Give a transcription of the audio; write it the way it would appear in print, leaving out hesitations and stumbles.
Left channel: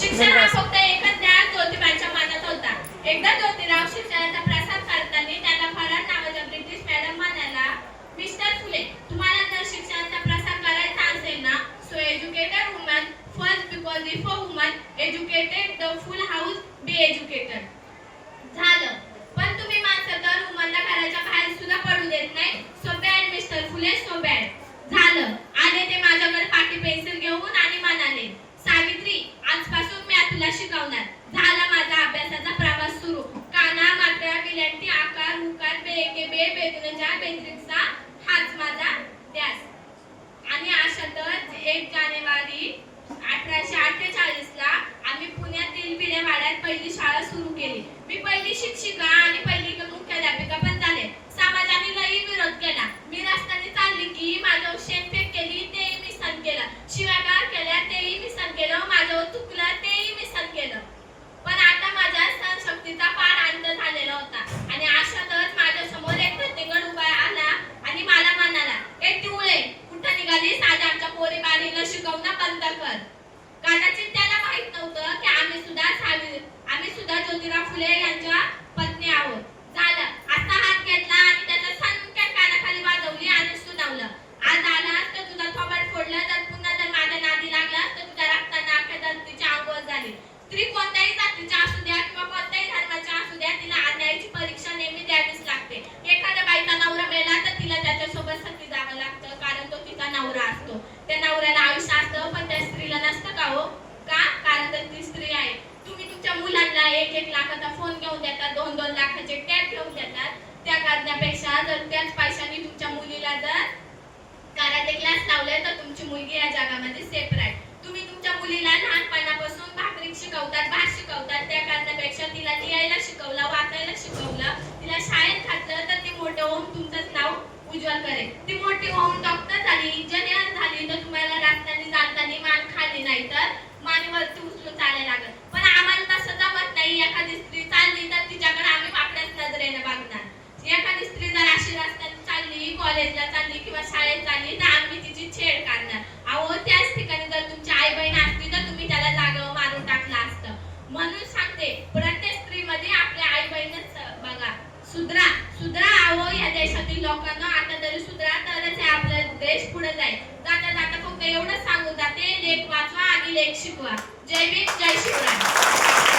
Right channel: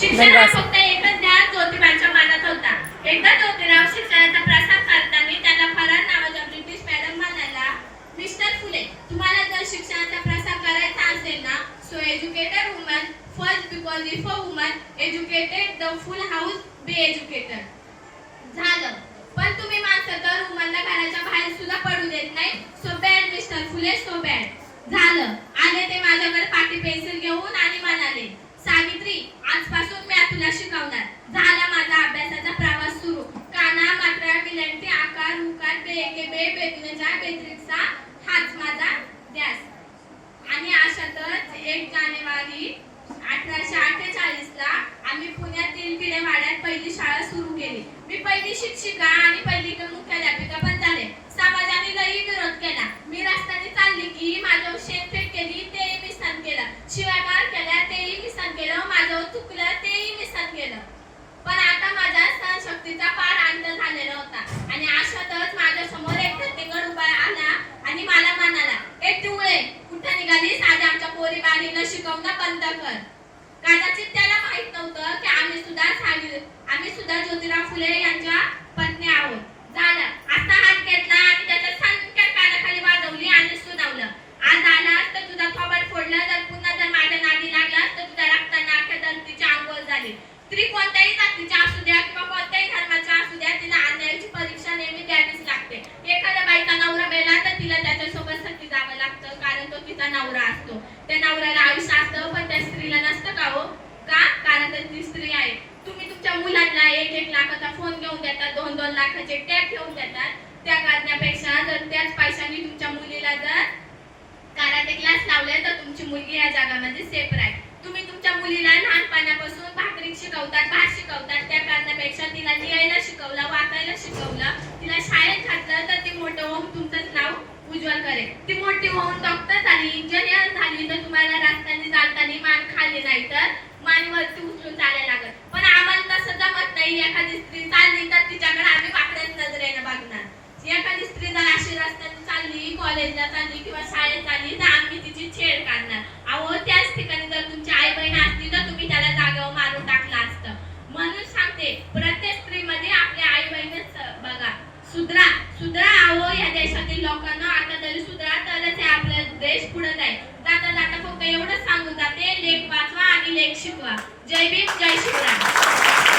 शिक्षण हा फक्त एकच ज्ञान ज्योतिबांच्या मनात होता. एकदा ज्योतिराव शिक्षणाचा प्रसार करताना त्यांना फरार नावाच्या ब्रिटिश मॅडम म्हणाला, मिस्टर फुले, तुम्हाला जर शिक्षणाचा प्रसार करायचा असेल ना, so educated woman first, because if a woman educated the full house be educated. झालं, पण तुम्ही माणसं तर वुमनला घराच्या बाहेर सुद्धा पडू देत नाही. सो बॅड मिस्टर फुले, सो बॅड. झालं, आले ते माझ्याकडे पाटी पेन्सिल घेऊन आणि म्हणाले, सावित्री, आजपासून मी तुला शिकवणार. झाला माझा अभ्यासाचा प्रवास सुरू. काना, मात्रा, विलंटी, आकार, उकार, बे, बे, बेतुनजा, बेत्रिक्सा, हाच माझा ध्यास. आणि अशातच 1 जानेवारी 1848 ला आम्ही पुण्यातील भिडेवाड्यात पहिली शाळा सुरू केली. मी पहिली शिक्षिका आणि पहिली मुख्याध्यापिका पण झाले. समाजाने लई विरोध केला. मी रस्त्याने चालली की माझ्यावर शेणफेक केली, तेही मी सहन केलं. शिवागाळ केल्या, तेही मी सहन केलं. माझ्यावर चुकलं, तेही मी सहन केलं. पण आता माझ्या सहनशक्तीचा पार अंत झालेला होता. आणि अशातच माझ्या समोर एक प्रत्येकगड उभा आला आणि मला म्हणाला, एक टुवळे, कुठं निघालीस? आज आमच्या पोरी बारीला शिकवणं बंद कर. कदाचित त्याला माहित नव्हतं की आम्ही सुद्धा ज्योतिराव फुले यांच्या पत्नी आहोत. झालं, आता हात घेतला आणि त्याच्या सणक्या कानाखाली वाजवली आणि सुनावलं, आज आलास तर तुझा थोबाड फोडला, जर पुन्हा जर माझ्या नादी लागलास तर तुझ्या रक्ताने अख्ख्या धरतीची आंघोळ झाली. स्त्री कोणत्याही जातीची असू द्या किंवा कोणत्याही धर्माची असू द्या, तिला अन्यायाची परीक्षा नेहमी द्यावीच लागते. एखाद्या बाईचा नवरा मेला तर तिला त्याच्यासोबत सती जावं लागतं, कारण तो तिचा नवरा असतो. त्या नवऱ्याला आयुष्य असतं, पण त्या स्त्रीला नसतं का हो? का? कारण तर ती स्त्री आहे. तुम्ही तुमच्या मुलांना 1-1 लाखाचा फोन घेऊन देतात, 2-2 लाखाचे टॅब घेऊन देतात. त्या करण्यापेक्षा जर त्याच पैशाने तुमच्या मुलीला जर कराटे क्लास लावले तर तुमची मुलगी या जगामध्ये सेफ राहील. तुम्ही तुमच्या मुलीला लहानपणापासून भाकरी शिकवतात, भात शिकवतात. त्या करण्यापेक्षा तिला लिहायला शिकवलं, वाचायला शिकवलं, तिला शाळेत घातलं तर ती मोठं होऊन तुमचंच नाव उज्ज्वल करेल. ती मोठी होऊन डॉक्टर झाली, इंजिनियर झाली तर तुम्हाला रस्त्याने चालताना मान खाली नाही तर मानेवरती उचलून चालायला लागत. पण आम्हाला तसं जमत नाही. एखादी स्त्री चालली तर तिच्याकडे आम्ही वाकड्याच नजरेने बघणार. एखादी स्त्री जर अशी रस्त्याने चालली, कॉलेजला चालली किंवा शाळेत चालली तर आम्ही तिची छेड काढणार. अहो, त्याच ठिकाणी जर तुमची आई बहीण असती तर तुम्ही त्याला जागेवर मारून टाकलं असतं. म्हणून सांगते, प्रत्येक स्त्रीमध्ये आपल्या आई बहीणच बघा. सुधरा, सुधरा. अहो, या देशातील लोकांना आता तरी सुधरा, तरच हे आपला देश पुढे जाईल. जाता जाता फक्त एवढंच सांगून जाते, लेख वाचवा आणि लेख शिकवा. जय भीम, जय शिवराय.